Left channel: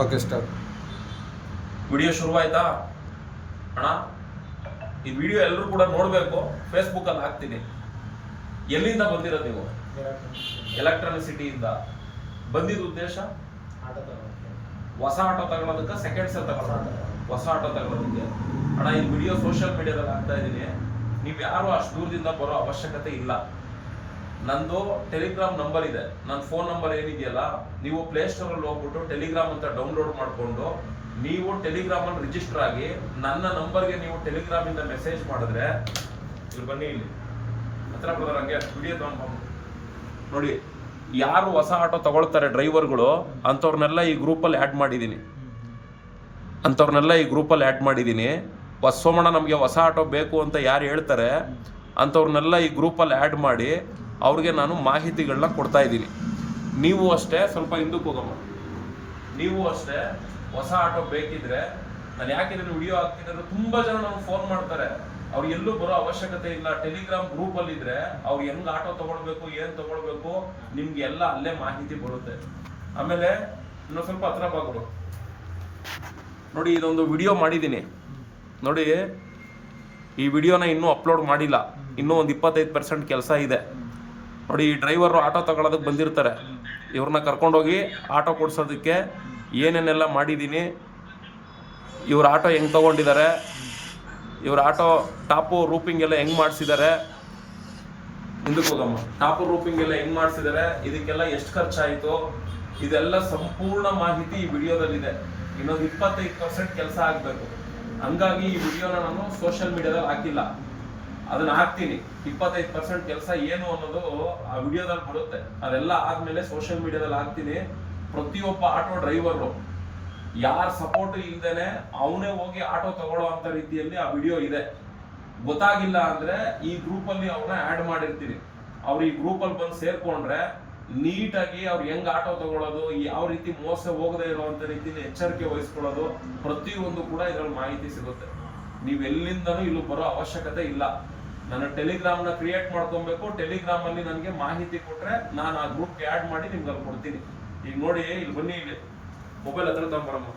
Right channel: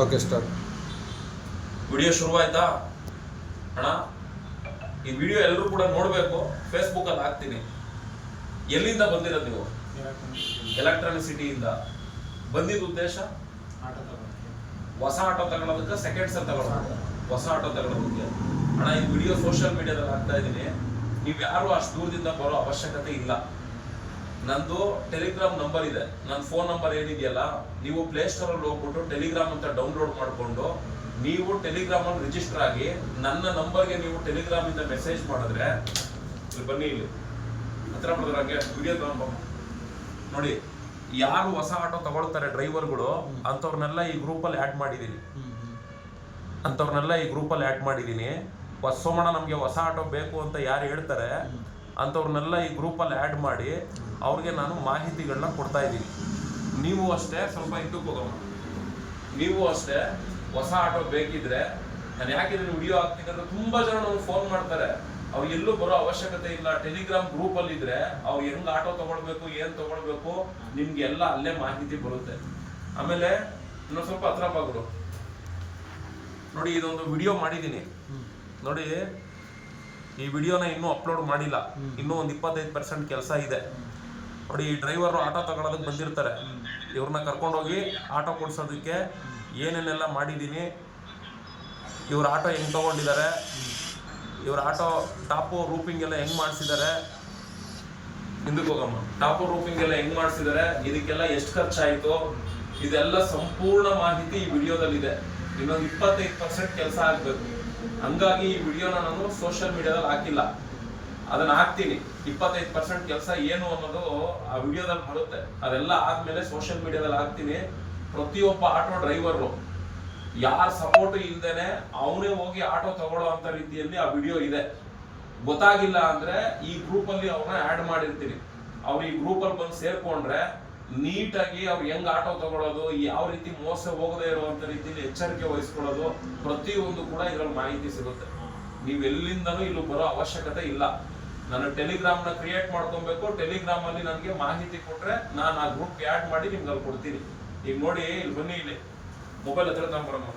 Okay start. Video ಶುರುವಾಯ್ತಾ ಅಣ್ಣ? ಈ video ಎಲ್ಲರೂ ಕೂಡ ನೋಡಬೇಕು. ಫೇಸ್ಬುಕ್ ಅಲ್ಲಿ ಹಾಕ್ತೀನಿ. ಎಲ್ಲಿಂದ ಬಂದಿರೋದು ನೀವು? ಎಲೆಕ್ಟ್ರಾನಿಸಿಟಿಯಿಂದ ಬಂದಿದ್ದ ಉದ್ದೇಶ ಹೊಸ ಆಟೋ ತಗೊಳೋದಕ್ಕೆ, ಸೆಕೆಂಡ್ಸ್ ಅಲ್ಲಿ ತಗೊಳ್ಳೋದಕ್ಕೆ, ಹೊಸ ಆಟೋ ತಗೊಳೋದಕ್ಕೆ. ಅಣ್ಣ, ಈ ವಿಡಿಯೋ ಸೋಷಿಯಲ್ ಮೀಡಿಯಾದಲ್ಲಿ ಹಾಕ್ತಾ ಇದ್ದೀನಿ. ನೀವು ಯಾರು ಅಷ್ಟು ದೂರದಿಂದ ಬರೋ ಅವಶ್ಯಕತೆ ಇಲ್ಲ. ನಂದು ಟೆಲಿಗ್ರಾಮ್ ನಂಬರ್ ಇದೆ. ನನ್ನ ಫೋನ್ ನಂಬರ್ ಏನಿದೆಯಲ್ಲ, ನೀವು ಪ್ಲೇ ಸ್ಟೋರ್ ಅಲ್ಲಿ ಹೋಗ್ಬಿಟ್ಟು ಟೆಲಿಗ್ರಾಮ್ ಅಂತ ಡೌನ್ಲೋಡ್ ಮಾಡಿಕೊಂಡು ನೀವು ಟೆಲಿಗ್ರಾಮ್ ಅಲ್ಲಿ ರಿಜಿಸ್ಟರ್ ಆಗಿ ನನ್ನ ನಂಬರ್ಗೆ ನೀವು ಟೆಲಿಗ್ರಾಮ್ ಇಂದ ಮೆಸೇಜ್ ಮಾಡಿದ್ರೆ, ಇಲ್ಲಿ ಬನ್ನಿ, ಇಲ್ಲಿ ಹತ್ರ ಬರೋದಾಗೆ ವಿಡಿಯೋ ತಗೊಂಡು ನೋಡಿ. ಯಾರು ಹೊಸ ಆಟೋ ತಗೊಳ್ತಾರೆ ಡ್ರೈವರ್ಗಳು, ಅಂಥವ್ರನ್ನೆಲ್ಲ ಈ ಗ್ರೂಪಲ್ಲಿ ಆ್ಯಡ್ ಮಾಡಿದ್ದೀನಿ. ಸೋಮಣ್ಣ ನಮಗೆ ಹೊಸ ಆಟೋ ಬೇಕು ಅಂತ ಯಾರು ಹೇಳ್ತಾರೆ ಅಂಥವ್ರನ್ನೆಲ್ಲ ಈ ಗ್ರೂಪಲ್ಲಿ ಆ್ಯಡ್ ಮಾಡಿ ಅವ್ರಿಗೆ ನಾನು ಮಾಹಿತಿಗಳನ್ನ ಕೊಡ್ತಾ ಇದ್ದೀನಿ. ನೀವು ಅಷ್ಟೇ ಸ್ವಲ್ಪ ಹಿಂದಕ್ಕೆ ಹೋಗಮ್ಮ. ನೀವು ಅಷ್ಟೇ ಹೊಸ ಆಟೋ ಬೇಕಿದ್ರೆ, ನಾನು ಯಾಕೆ ಇದನ್ನು ವಿಡಿಯೋ ಹಾಕ್ತೀನಿ ಅಂದ್ರೆ ತುಂಬ ಜನ ನನಗೆ ಫೋನ್ ಮಾಡ್ತಾರೆ. ಅವ್ರು ಎಲ್ಲೂ ಬರೋ ಅವಶ್ಯಕತೆ ಇಲ್ಲ. ಟೆಲಿಗ್ರಾಮ್ ಗ್ರೂಪಲ್ಲಿ ಇದ್ರೆ ಅವ್ರು ಹೆಂಗ್ ಆಟೋ ತಗೊಳ್ಬೇಕು, ಏನ್ ತಗೊಳ್ಬೇಕು, ನಿಮ್ಗೆ ಎಲ್ಲ ಅಲ್ಲೇ ಮಾಹಿತಿ ಬರುತ್ತೆ. ಆಮೇಲೆ ಇನ್ನೊಂದು ಸ್ವಲ್ಪ ಹತ್ರ ಬಾಗ್ಬಿಡು. ನೋಡಿ, ಇದೊಂದು ವಿಡಿಯೋ ಮಾಡಿದ್ದೀನಿ ನೋಡಿ. ಈ ವಿಡಿಯೋನ ಇನ್ನೂ ಅಪ್ಲೋಡ್ ಮಾಡಿಲ್ಲ. ಇನ್ನೂ ಒಂದು 25% ಕೆಲಸ ಇದೆ ನೋಡಿ. ಈ ಡ್ರೈವರು ಆಟೋ ತಗೊಳ್ಳೋದಕ್ಕೆ ಬಂದಿರ್ತಾರೆ. ಇವ್ರನ್ನ ಕರ್ಕೊಂಡೋಗಿ ಆಟೋ ಕೊಡ್ಸೋದಕ್ಕೆ ಏನೇನೆಲ್ಲ ಮಾಡಿದ್ದೀನಿ, ಇವ್ರ ಆಟೋ ಹೆಂಗ್ ತಗೊಂಡಿದ್ದಾರೆ, ಇವ್ರ ಆಟೋ ಟಾಪು ರೂಪಿಂಗ್ ಎಲ್ಲ ಹೆಂಗ್ ಮಾಡಿಸಿದ್ದಾರೆ, ಹಿಂದಕ್ಕೆ ಹೋಗಮ್ಮ, ಟಾಪು ರೂಪಿಂಗ್ ಎಲ್ಲ ಹೆಂಗ್ ಮಾಡಿಸಿದ್ದಾರೆ, ಇದಕ್ಕೆಲ್ಲ ಎಷ್ಟು ಖರ್ಚಾಯಿತು, ಇದೆಲ್ಲ ಸಂಪೂರ್ಣ ಮಾಹಿತಿ ಈ ವಿಡಿಯೋದಲ್ಲಿದೆ. ಇನ್ನೊಂದು 25% ಕೆಲಸ ಆಗಬೇಕು. ಹಂಗಾಗಿ ಈ ವಿಡಿಯೋನ ನಾನು ಸೋಷಿಯಲ್ ಮೀಡಿಯಾದಲ್ಲಿ ಹಾಕಿಲ್ಲ. ಅದನ್ನ ಹಾಕ್ತೀನಿ. 25% ಕೆಲಸ ಏನು ಅನ್ನೋದು ಆ ವಿಡಿಯೋದಲ್ಲಿ ಬರುತ್ತೆ. ಅದೆಲ್ಲ ಆದ್ಮೇಲೆ ಸೋಷಿಯಲ್ ಮೀಡಿಯಾದಲ್ಲಿ ಹಾಕ್ತೀನಿ. ಪ್ರತಿಯೊಬ್ಬ ಆಟೋ ಡ್ರೈವರು ಯಾರ ಸಪೋರ್ಟ್ ಇಲ್ದೇನೆ ಅವನೇ ಹೋಗಿ ಆಟೋ ತಗೊಳ್ಳೋ ಅಂತ ರೀತಿಯಲ್ಲಿ ಆ ವಿಡಿಯೋ ಇದೆ. ಗೊತ್ತಾಗಿಲ್ಲ ಅಂದ್ರೆ ಈ ಗ್ರೂಪ್ ಅಲ್ಲಿ ಅವ್ರನ್ನ ಆಡ್ ಮಾಡಿರ್ತೀನಿ. ಅವ್ರು ಈ ಗ್ರೂಪ್ ಅಲ್ಲಿ ಬಂದು ಸೇರ್ಕೊಂಡ್ರೆ ನೀಟಾಗಿ ಅವ್ರು ಹೆಂಗ್ ಆಟೋ ತಗೊಳ್ಳೋದು, ಯಾವ ರೀತಿ ಮೋಸ ಹೋಗದೆ ಇರುವಂತ ರೀತಿಯಲ್ಲಿ ಎಚ್ಚರಿಕೆ ವಹಿಸ್ಕೊಳ್ಳೋದು, ಪ್ರತಿಯೊಂದು ಕೂಡ ಇದ್ರಲ್ಲಿ ಮಾಹಿತಿ ಸಿಗುತ್ತೆ. ನೀವ್ ಎಲ್ಲಿಂದನೂ ಇಲ್ಲೂ ಬರೋ ಅವಶ್ಯಕತೆ ಇಲ್ಲ. ನನ್ನ ಟೆಲಿಗ್ರಾಮ್ ನ ಕ್ರಿಯೇಟ್ ಮಾಡ್ಕೊಬೇಕು. ಟೆಲಿಗ್ರಾಮ್ ಅಲ್ಲಿ ನನಗೆ ಮಾಹಿತಿ ಕೊಟ್ರೆ ನಾನು ಆ ಗ್ರೂಪ್ ಆಡ್ ಮಾಡಿ ನಿಮ್ಗೆ ಅಲ್ಲಿ ಕೊಡ್ತೀನಿ. ಈಗ ನೋಡಿ, ಇಲ್ಲಿ ಬನ್ನಿ, ಇಲ್ಲಿ ಮೊಬೈಲ್ ಹತ್ರ ತಗೊಂಬರಮ್ಮ.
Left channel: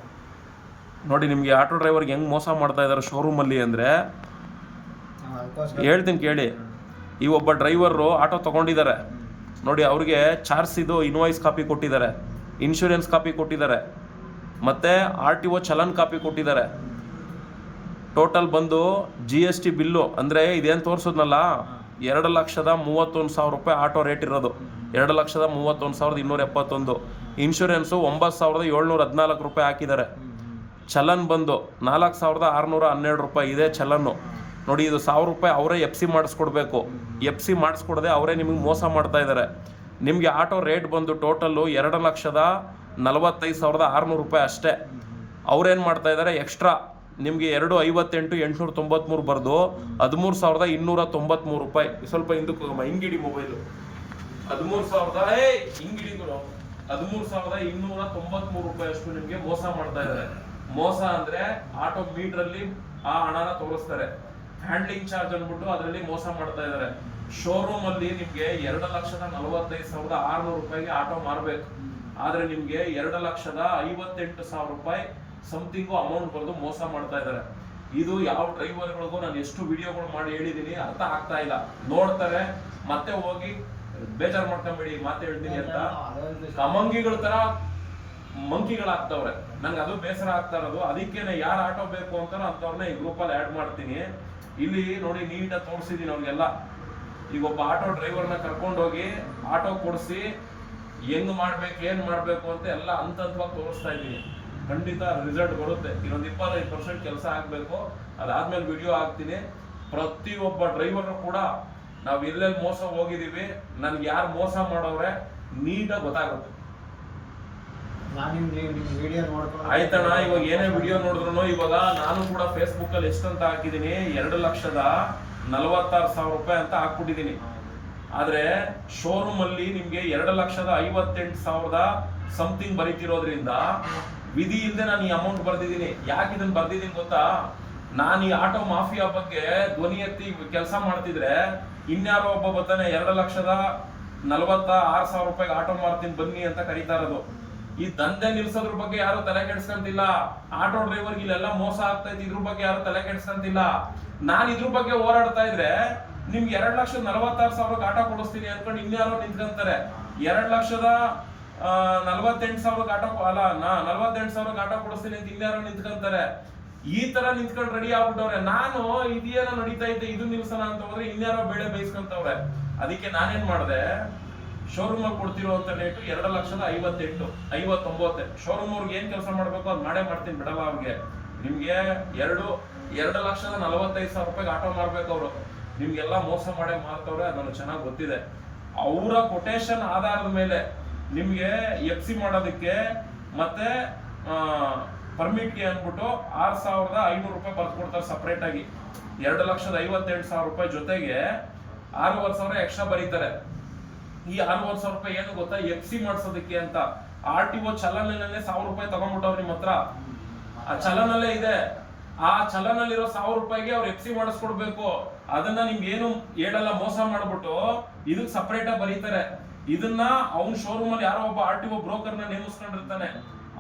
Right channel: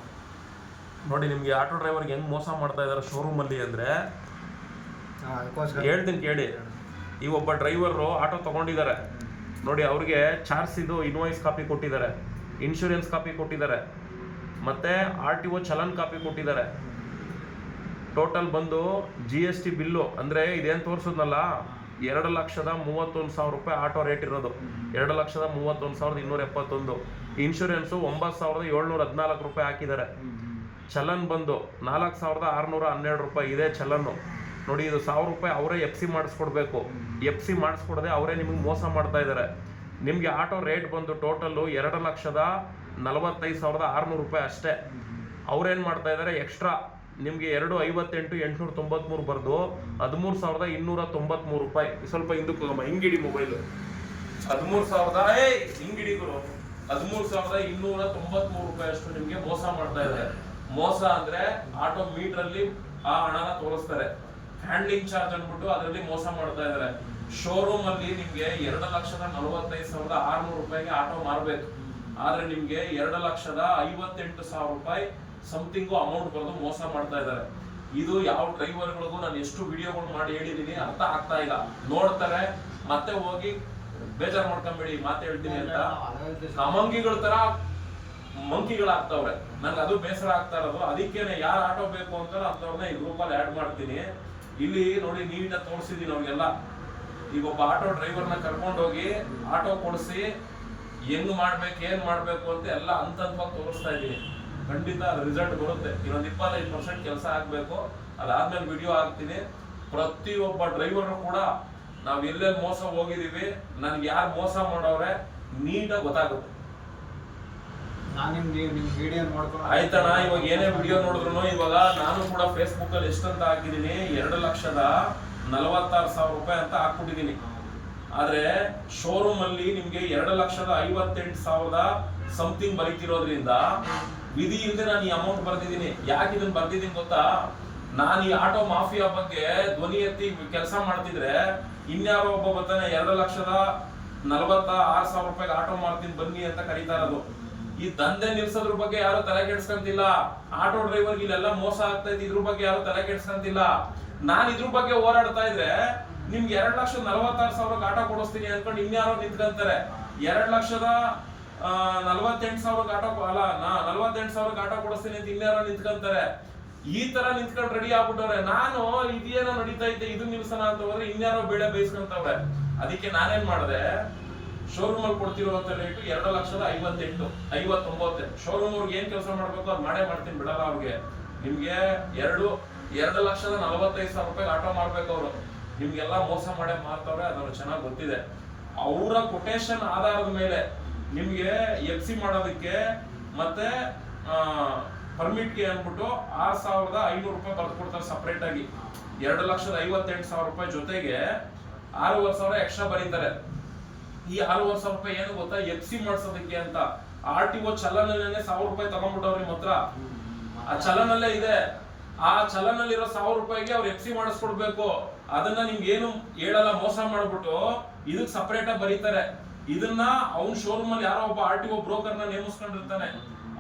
ನೋಡಿ, ನಿಮ್ಗೆ ಆಟೋ ಡ್ರೈವರ್ಗೆ ಹೆಂಗ್ ಮೋಸ ಮಾಡ್ತಾ ಇದಾರೆ ಶೋರೂಮ್ ಅಲ್ಲಿ ಅಂದ್ರೆ ಹೇಳ್ತೀನಿ ಕೇಳಿ. ಈ ಒಬ್ಬ ಡ್ರೈವರು ಆಟೋ ತಗೊಂಡಿದ್ದಾರೆ ನೋಡಿ. ಅವ್ರಿಗೆ ಚಾರ್ಜ್ ಇದು ಇನ್ವಾಯ್ಸ್ ಕಾಪಿ ಕೊಟ್ಟಿದ್ದಾರೆ, ಇನ್ಶೂರೆನ್ಸ್ ಕಾಪಿ ಕೊಟ್ಟಿದ್ದಾರೆ, ಮತ್ತೆ RTO ಚಲನ್ ಕಾಪಿ ಕೊಟ್ಟಿದ್ದಾರೆ. ಟೋಟಲ್ ಬಂದು GST ಬಿಲ್ಲು ಅಂದ್ರೆ ಇದೇನು ತೋರಿಸೋದ್ನಲ್ಲ, 2,31,000 ರೂಪಾಯಿ ಆಟೋ ರೇಟ್ ಇರೋದು. 2,31,271. ಇನ್ಶೂರೆನ್ಸು 9,714 ರೂಪಾಯಿ ಹಾಕಿದ್ದಾರೆ. ಚಲನ್ ಬಂದು 4,612 ರೂಪಾಯಿ ಇದೆ ಚಲನ್ನು ನೋಡಿ. ಇದು 1,000 ರೂಪಾಯಿ ಅವರೇ FC ಮಾಡಿಸ್ಕೊಡ್ಬೇಕು. FC ಮಾಡಿಸ್ಕೊಡದೆ ಅವರೇ ನಿಮ್ಗೆ ಮೋಸ ಮಾಡ್ತಾ ಇದ್ದಾರೆ. ನಿಮಗೆ ಆಟೋ ರೇಟ್ ಬಂದು ಟೋಟಲ್ಲು 2,45,600 ರೂಪಾಯಿ ಅಷ್ಟೇ. ಅವ್ರೇನು ಮಾಡ್ತಾ ಇದ್ದಾರೆ, ಎಕ್ಸ್ಟ್ರಾ ನಿಮಗೆ 2,58,893 ಬರೆದು 13,293 ರೂಪಾಯಿ. ಸ್ವಲ್ಪ ಹಿಂದಕ್ಕೆ ಹಿಂಗಿಡಿ ಮೊಬೈಲು. 13,293 ರೂಪಾಯಿ ಅಷ್ಟು ನಿಮಗೆ ಮೋಸ ಮಾಡ್ತಾ ಇದ್ದಾರೆ. ಮೋಸ ಅಂದ್ರೆ ಆಟೋ ಮೀಟರ್ ಅಲ್ಲಿ ಆ ಹಣನ ತೋರಿಸ್ತಾರೆ. ಹ್ಯಾಂಡ್ಲಿಂಗ್ ಚಾರ್ಜ್ ಅಂದ್ಬಿಟ್ಟು ಅದರಲ್ಲಿ ಮೋಸ ಮಾಡ್ತಾ ಇದ್ದಾರೆ. ಶೋರೂಮ್ ಅಲ್ಲಿ ನಿಮ್ಗೆ 2,45,600 ರೂಪಾಯಿಗೆ ಆಟೋ ಮಾರಬೇಕು. ಆದ್ರೆ ನಿಮ್ಗೆ 2,58,000 ರೂಪಾಯಿ ಸಮಥಿಂಗು ಅಮೌಂಟ್ ಬರೆದು ಮೋಸ ಮಾಡ್ತಾ ಇದ್ದಾರೆ. ಇದು ಯಾವ ಡ್ರೈವರ್ಗಳಿಗೂ ನಾನು ಎಷ್ಟು ವಿಡಿಯೋಗಳು ಮಾಡಿ ಹೇಳಿದೀನಿ, ಅರ್ಥ ಆಗ್ತಾ ಇಲ್ಲ. ನೋಡ್ತಾರೆ ಮತ್ತೆ ಹೋಗಿ ಬೇಜಾರ್ ಮಾಡ್ಕೊಂಬೇಡಿ ಮಾತು ಹೇಳ್ತೀನಿ ಅಂತ ಅಮಂಗಿಗಳ ತರ ಮಂಕಿಗಳಾಗ್ತವ್ರೆ. ನನ್ಗೆ ಅದು ಬೇಸರ ಆಗ್ತಾ ಇರೋದು. ಅದಕ್ಕೇನೆ ಯಾರು ಆಟೋ ಬೇಕು ಅಂತಾರೋ ಅಂತವ್ರನ್ನ ಈ ಗ್ರೂಪ್ ಅಲ್ಲಿ ಆಡ್ ಮಾಡ್ತೀನಿ. ಇಲ್ಲಿ ನೋಡಿ, ನೀಟಾಗಿ ತೋರಿಸಿದೀನಿ ಅವ್ರಿಗೆಲ್ಲ. ಈಗ ಒಬ್ಬ ಆಟೋ ಡ್ರೈವರ್ನ ಕರ್ಕೊಂಡೋಗಿ ಆಟೋ ಕೊಡಿಸಿ ಹೆಂಗ್ ಮಾಡ್ಬೇಕು, ಏನ್ ಮಾಡ್ಬೇಕು ಅಂತ ಎಲ್ಲ ಹಂತವಾಗಿ ತೋರಿಸ್ತಾ ಇದ್ದೀನಿ. ಖಂಡಿತ ರಿಸಲ್ಟ್ ಬರುತ್ತೆ. ಇನ್ನೊಂದು 25% ಕೆಲಸ ಆಗ್ಬೇಕು. ಅದಾದ್ಮೇಲೆ ವಿಡಿಯೋ ಹಾಕ್ತೀನಿ. ಪ್ರತಿಯೊಬ್ಬ ಡ್ರೈವರ್ ಕೂಡ ನಾವು ಎಲ್ಲೆಲ್ಲಿ ಮೋಸ ಹೋಗಿದೀವಿ, ನನ್ಗೆ ಯಾರು ಮೋಸ ಮಾಡೋರೆ ನೀಟಾಗಿ ಗೊತ್ತಾಗುತ್ತೆ. ಆಯ್ತಣ್ಣ, ಇವಾಗ ಏನೇ ವಿಡಿಯೋ ನೋಡಿದ್ರು, ಇವಾಗ ನಾನು ಕೂಡ ಫೇಸ್ಬುಕ್ ಅಲ್ಲಿ ಎಷ್ಟಂತ ಹಾಕಿದೀನಿ, 2,46,000 ರೂಪಾಯಿ ಅಂತ ಹಾಕ್ಬಿಟ್ಟಿದೀನಿ. ಆದ್ರೆ ಶೋರೂಮ್ ಅಲ್ಲಿ ನಿಮ್ಗೆ 2,58,000 ಸಮಥಿಂಗ್ ಬರೀತಿರೋದ್ರಿಂದ ವಿಧಿ ಇಲ್ಲದೆ ನಾನು ಈ ಅಮೌಂಟ್ ಬರ್ದಿದ್ದೀನಿ. ಯಾಕೆ ಇದನ್ನ ಬರ್ದಿದ್ದೀನಿ ಗೊತ್ತಾ? ನಾನು ಈ ಆಟೋ ಮಾಫಿಯಾ ಬಗ್ಗೆ ಧ್ವನಿ ಎತ್ತಿ ಕೆಲಸ ಮಾಡ್ತಿದ್ರೆ ಇನ್ಯಾರೋ ಒಬ್ಬ ಬರ್ತಾನೆ 2,46,000 ರೂಪಾಯಿಗೆ ಆಟೋ ಮಾಡ್ತೀನಿ ಬನ್ನಿ ಅಂತ ಕರೀತಾ ಇರೋದು. ಈ ದಂಧೆ ನಿಲ್ಸೋದ್ರ ಬಗ್ಗೆ ಯಾರು ತಲೆ ಕೆಡ್ಸ್ಕೊಂತಿಲ್ಲ. ಆಟೋ ಡ್ರೈವರ್ಗೆ ಇಲ್ಲೆಲ್ಲ ಮೋಸ ಆಗ್ತೈತಿ, ಇದ್ರ ಬಗ್ಗೆ ಯಾರು ತಲೆ ಕೆಡ್ಸ್ಕೊಂತಿಲ್ಲ. ನಾನ್ ಇದ್ರ ಬಗ್ಗೆ ಹೋರಾಡ್ತಾ ಇದ್ರೆ ನಿಮ್ಗೆ 2,46,000 ಆಟೋ ಕೊಡಿಸ್ತೀನಿ ಅನ್ಕೊಂಡು ಇನ್ಯಾರೋ ನಿಂತ್ಕೊಂತಾರೆ. 2,48,000 ಆಟೋ ಅಲ್ಲ 48,000 ಆಟೋ ಕೊಡಿಸ್ತೀನಿ ಅಂತ ಇನ್ಯಾರೋ ನಿಂತ್ಕೊಂತಾರೆ. ಈ ತರ ನಿಂತ್ಕೊಂಡು ರೆಡಿ ಆಗ್ಬಿಟ್ಟವ್ರೆ. ನಾನು ಇದೇನೋ ನಡೀತಾ ಇದ್ದೆ ಇದು ನಿಲ್ಸನ ಅಂತ ಹೋದ್ರೆ ಇನ್ಯಾರೋ ಬೇಳೆ ಬೇಯಿಸ್ಕೊಂತವ್ರೆ. ಅದಕ್ಕೆ ನಾನೇನ್ ಮಾಡಿದೆ, ಶೋರೂಮ್ ಅಲ್ಲಿ ಕೊಡ್ತಿರುವಂತ ರೇಟು 2,58,59. ಶೋರೂಮ್ ಅವ್ರಿಗೆ ಏನ್ ಕೆಲಸ ಮಾಡ್ಬೇಕು ಅದ್ ಮಾಡೇ ಮಾಡ್ತೀನಿ, ಬಿಡಲ್ಲ ಅವ್ರಿಗೆ. ನಿಮ್ಗೆ 2,45,000 ರೂಪಾಯಿ ಆಟೋ ಮಾರ್ಬೇಕು ಅವ್ರು. ನಿಮ್ಗೆಲ್ಲ ಮೋಸ ಮಾಡೇ ಮಾರ್ತವ್ರೆ, ಅದನ್ನು ಚೆನ್ನಾಗಿ ಗೊತ್ತಿದೆ. ಅವರ ಕೊಟೇಶನ್ ಆಧಾರದ ಮೇಲೆ ನಿಮ್ಗೆ FC ಮಾಡೋದಕ್ಕೆ ಮತ್ತೆ ಪರ್ಮಿಟ್ಗೆ ಅನ್ಬಿಟ್ಟು 6,500 ರೂಪಾಯಿ ಬರ್ದು ಕೊಡ್ತಾರೆ ಸಪರೇಟ್ ಆಗಿ. 2,58,000 ರೂಪಾಯಿ ಜೊತೆಗೆ 6,500 ಎಕ್ಸ್ಟ್ರಾ ಬರೀತಾರೆ. ಈ 6,500 ರೂಪಾಯಿ ಏನು ಗೊತ್ತಾ, FC ಮಾಡ್ಸೋದಕ್ಕೆ ಅಂತ. RTO ಚಲನಲ್ಲೇ 1,000 ರೂಪಾಯಿ ತಗೊಂಡ್ಬಿಟ್ಟವ್ರು ನಿಮ್ಮ ಹತ್ರ. ಆ ಚಲನಲ್ಲೇ ಇದೆ. ಆ ಚಲನಲ್ಲಿರೋ 1,000 ರೂಪಾಯಿಗೆ ಅವ್ರು FC ಮಾಡಿಸ್ಕೊಡ್ಬೇಕು. ಅದನ್ನ ನಿಮ್ಗೆ ಏನು ಹೇಳಲ್ಲ, ಮೋಸ ಮಾಡ್ಬಿಟ್ಟು ಇದಕ್ಕೆ ಸಪರೇಟ್ ಆಗಿ ಬರೀತಾರೆ. ಇದನ್ನ ಅವ್ನ್ ಶೋರೂಮ್ ಅಲ್ಲಿ ಯಾರೋ ಒಬ್ಬ RTO ಬ್ರೋಕರ್ ನ ನೇಮಿಸ್ಕೊಂಡಿರ್ತಾನೆ.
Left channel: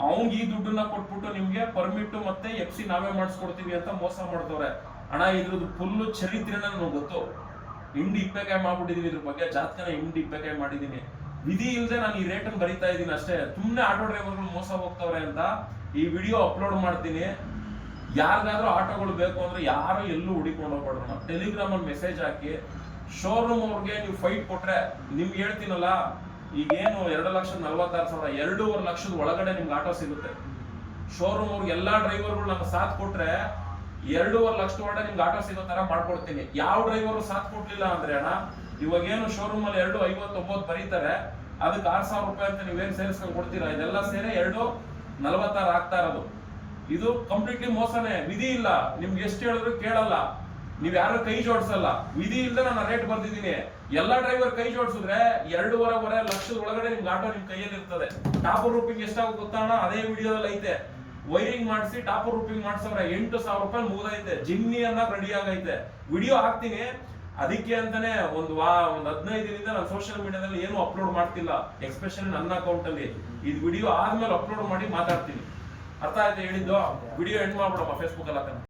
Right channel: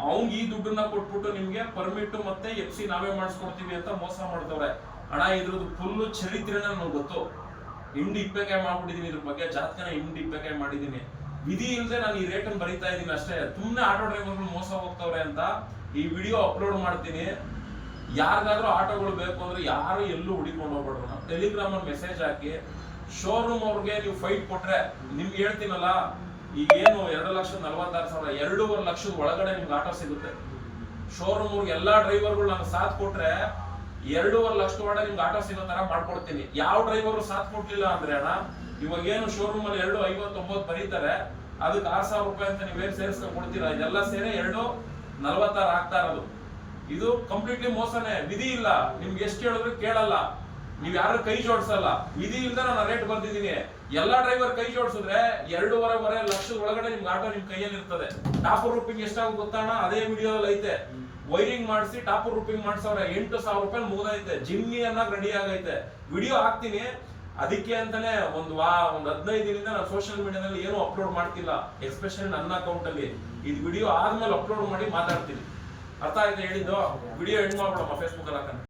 ಅವ್ನ್ ಈ ದುಡ್ಡನ್ನ ಕೊಟ್ಬಿಟ್ಟು ನಿಮ್ಗೆ ಪರ್ಮಿಟ್ ಮತ್ತೆ FC ನಾವೇ ಮಾಡಿಸ್ಕೊಡ್ತೀವಿ ಅಂತ ಮೋಸ ಮಾಡ್ತವ್ರೆ. ಅಣ್ಣ ಇದ್ರದ್ದು ಫುಲ್ ಚರಿತ್ರೆನ ನನಗೆ ಗೊತ್ತು. ಹಿಂಡಿ ಇಪ್ಪೆಕಾಯಿ ಮಾಡ್ಬಿಟ್ಟಿದೀನಿ, ಇದ್ರ ಬಗ್ಗೆ ಜಾತಕನ ಹಿಂಡಿ ಇಪ್ಪೆಕಾಯಿ ಮಾಡಿದೀನಿ. ವಿಧಿ ಇಲ್ಲದೆ ನಾನು ಈ ರೇಟನ್ನು ಬರೀತಾ ಇದ್ದೀನಿ ಅಷ್ಟೇ. ಸುಮ್ಮನೆ ಆಟೋ ಡ್ರೈವರ್ಗಳು ಮೋಸ ಹೋಗ್ತವ್ರೆ ಅಂತ ಈ ವಿಡಿಯೋ ಅಪ್ಲೋಡ್ ಮಾಡ್ತೀನಿ. ಯಾರಿಗಾದ್ರೂ ಆಟೋಗಳು ಬೇಕು ಅಂದ್ರೆ ಯಾರು ಎಲ್ಲೂ ಹುಡಿಕೊಂಡು ಹೋಗ್ಬೇಡ್ರು. ನಾವು ಟೆಲಿಗ್ರಾಮ್ ಅಲ್ಲಿ ಮೆಸೇಜ್ ಹಾಕಿ ಶೋರೂಮ್ ಅವ್ರಿಗೆ ನೀವು ಫೈಟ್ ಕೊಟ್ರೆ, ನಿಮ್ಗೆ ಹೇಳ್ತೀನಲ್ಲ, ಈಗೇನು 2,46,000 2.5 ಲಕ್ಷದ ಒಳಗಡೆ ನಿಮ್ಗೆ ಆಟೋ ಸಿಗುತ್ತೆ. ಶೋರೂಮ್ ಅವ್ರಿಗೆ ಎಲ್ಲಾ ಡ್ರೈವರ್ಗಳು ನಾನು ಸಾಥ್ ಕೊಟ್ರೆ 2.5 ಲಕ್ಷದ ಒಳಗಡೆ ನಿಮ್ಗೆ ಆಟೋ ಸಿಗೋ ತರ ಮಾಡ್ಕೊಡ್ತೀನಿ. ಯಾವ ಡ್ರೈವರ್ ಸಾಥ್ ಕೊಡ್ಲಿಲ್ಲ ಅಂದ್ರೆ ಅಣ್ಣ, ಇವಾಗೇನು ಶೋರೂಮ್ ಅಲ್ಲಿ 2,59 ಬರೀತಾರೆ, ಅದಕ್ಕೆ 6,000 ರೂಪಾಯಿ ಅಂತ ನೀವೇನು ಸೇರಿಸ್ಕೊಂಡು ಕೊಡ್ತೀರಾ, ಇದೆಲ್ಲ ಸೇರಿ 2,46 ಆಗ್ತಾ ಇರೋದು. ಇದು ಕಂಪ್ಲೀಟ್ಲಿ ಮೋಸನೇ. ವಿಧಿ ಇಲ್ಲ, ನಿಮ್ಗೆ ಎಷ್ಟು ಹೇಳಿದ್ರು ಕೇಳಲ್ಲ, ನೀವ್ ಯಾರು ಕೈ ಜೋಡಿಸಲ್ಲ. ವಿಧಿ ಇಲ್ಲದೆ ನಾನು ರೇಟ್ ಬರ್ದಿದ್ದೀನಿ. ಎಲ್ಲಾ ಡ್ರೈವರ್ ಕೈ ಜೋಡಿಸಿದ್ರೆ 2.5 ಲಕ್ಷದ ಒಳಗಡೆ ನಿಮ್ಗೆ ಆಟೋ ನಿಮ್ ಕೈಯಲ್ಲಿ ಇರ್ತದೆ. ಟಾಪ್ ರೂಪಿಂಗ್ ಎಷ್ಟಾಗ ಗೊತ್ತಣ್ಣ, ಅದೇ ವಿಡಿಯೋದಲ್ಲಿ ಐತೆ. ವೈರಿಂಗ್ ಮಾಡಿಸಿ ಟಾಪ್ ರೂಪಿಂಗ್ ಮಾಡ್ಸವ್ರೆ, 8,000 ರೂಪಾಯಿ ಮುಗಿದೈತೆ. ಜಿಮ್ನಿ ಅನ್ನ ರೆಡಿ ಆಗೈತೆ. ವಿಡಿಯೋ ಹಾಕ್ತೀನಿ. ಅದಕ್ಕೆ ಅಂತಾನೆ ಒಂದು 15 ದಿನದಿಂದ ನಾನು ಸೋಷಿಯಲ್ ಮೀಡಿಯಾದಲ್ಲಿ ಏನು ಅಪ್ಲೋಡ್ ಮಾಡ್ತಿಲ್ಲ, ಎಸ್ಪೆಷಲಿ ನನ್ನ ಅಕೌಂಟ್ ಅಲ್ಲಿ. ಇದು ವಿಡಿಯೋ ಆದ್ಮೇಲೆ ಅಪ್ಲೋಡ್ ಮಾಡಿ ಮಾತಾಡ್ತೀನಿ. ಅರ್ಥ ಆಯ್ತು ಹೇಳಿದ್ದು? ವಿಡಿಯೋ ಎಂಡ್ ಮಾಡ್ಬಿಡಮ್ಮ ಫೇಸ್ಬುಕ್ ಅಲ್ಲಿ ಹಾಕೋಣ.